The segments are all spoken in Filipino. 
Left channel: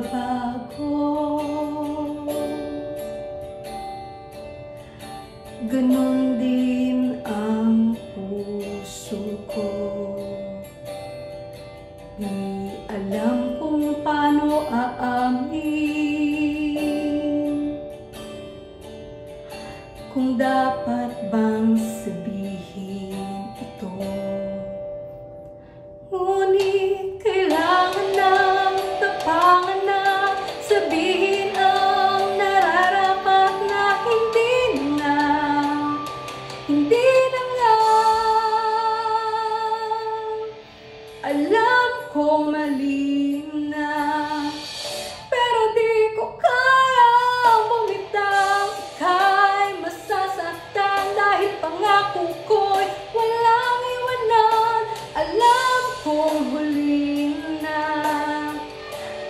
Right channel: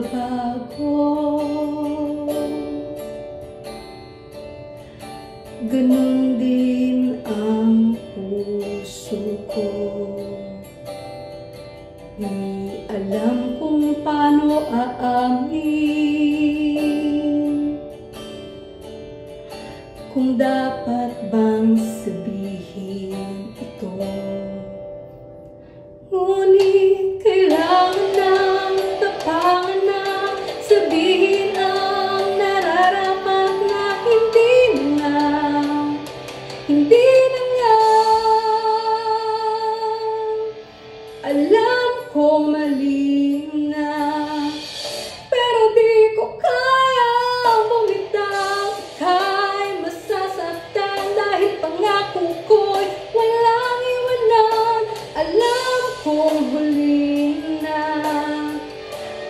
nagbabago. Ganun din ang puso ko. Di alam kung paano aamin, kung dapat bang sabihin ito. Ngunit kailangan ng tapangan na sabihin ang nararapat na hindi na nga. Alam kong mali na, pero di ko kayang bumitaw. Ika'y masasaktan dahil pangako ko'y walang iwanan. Alam kong huli na,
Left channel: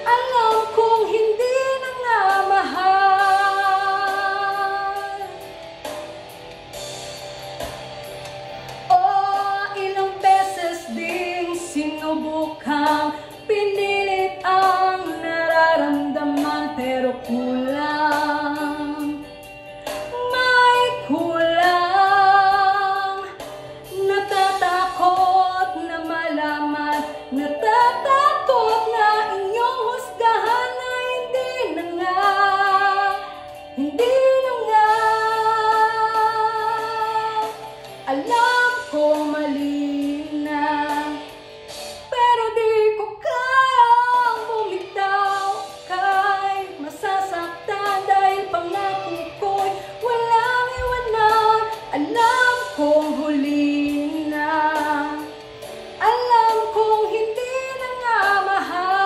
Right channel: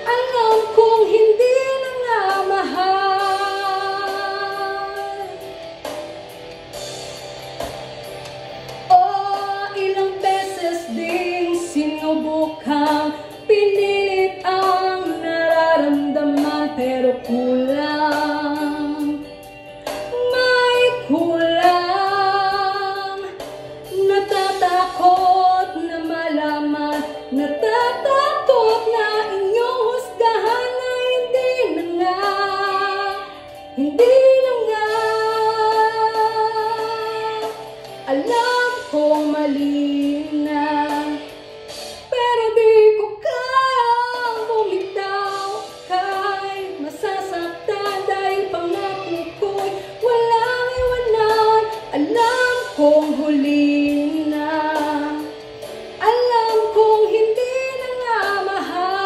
alam kong hindi na nga mahal. Ilang beses ding sinubukang pinilit ang nararamdaman, pero kulang, may kulang. Natatakot na malaman, natatakot na inyong husgahan na hindi na nga, hindi na nga. Alam kong mali na, pero di ko kayang bumitaw. Ika'y masasaktan dahil pangako ko'y walang iwanan. Alam kong huli na, alam kong hindi na nga mahal.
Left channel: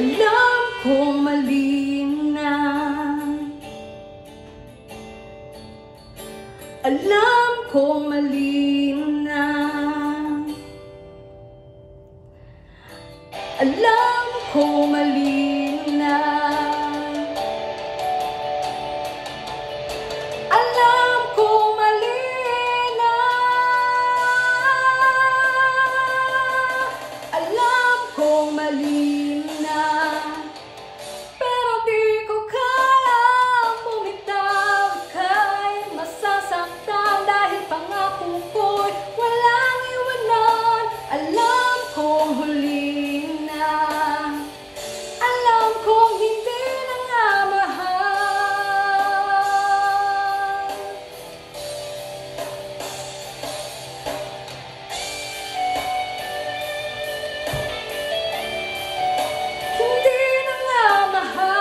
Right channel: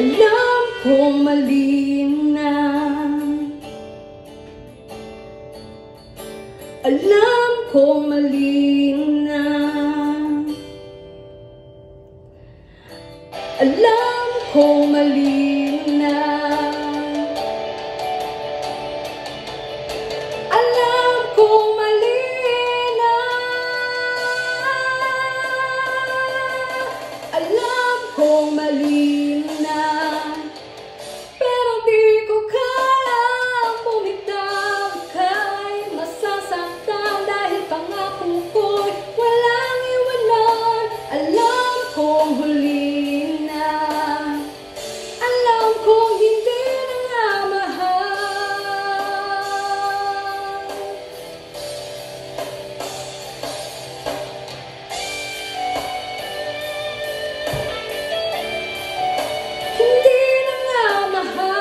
Alam kong mali na, alam kong mali na, alam kong mali na, alam kong mali na, alam kong mali na, pero di ko kayang bumitaw. Ika'y masasaktan dahil pangako ko'y walang iwanan. Alam kong huli na, alam kong hindi na nga mahal. Hindi na nga mahal.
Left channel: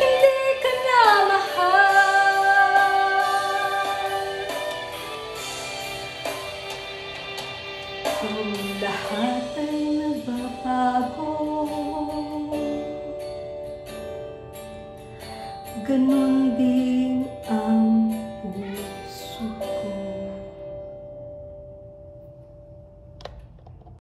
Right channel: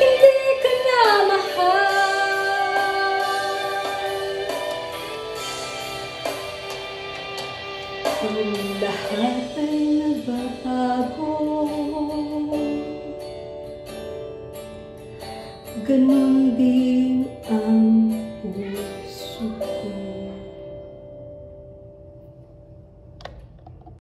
Hindi ka na mahal. Ang lahat ay nagbabago. Ganun din ang puso ko.